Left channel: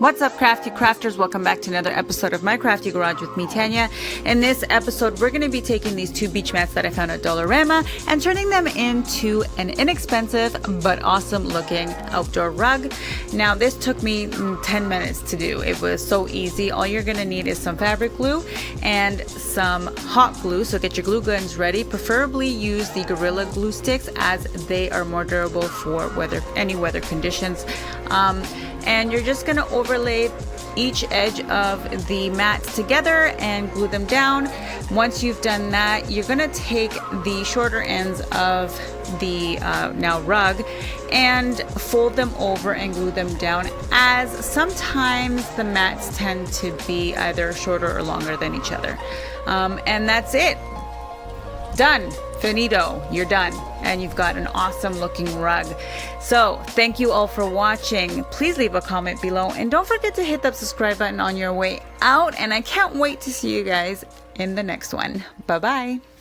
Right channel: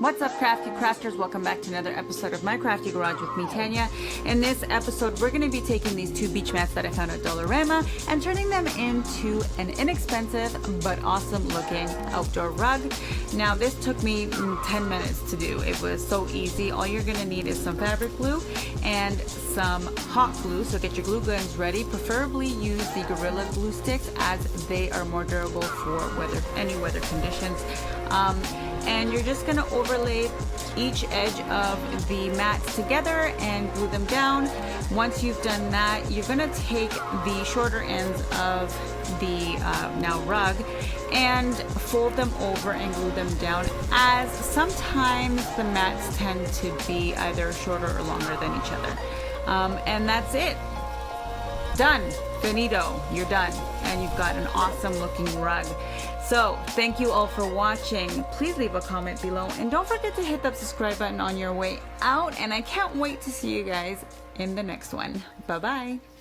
What's up, crafty crafters? Welcome back to another episode of My Crafty Garage with me, Tanya. In this episode, we're going to be taking these two beach mats that I found at Dollarama and turning them into an inexpensive but awesome looking outdoor rug. Now, this took me 10 minutes to do. It was so easy. All you're going to need is some fabric glue and some hot glue. So get your glue guns ready. Preferably use the Gorilla Glue sticks as they are more durable for any weather conditions. And you're just going to overlay each edge of the mats together and glue them down. Once you've done that, you're going to take the shorter ends of the now rug and fold them over and glue them down, as sometimes the mats tend to be either shorter or longer than each other. And that's it. Done. Finito. You're done. And you've got an awesome looking rug. So thank you all for watching. Please leave a comment below and don't forget to hit that subscribe button on your way out. And I can't wait to see you guys in the next one. Bye bye.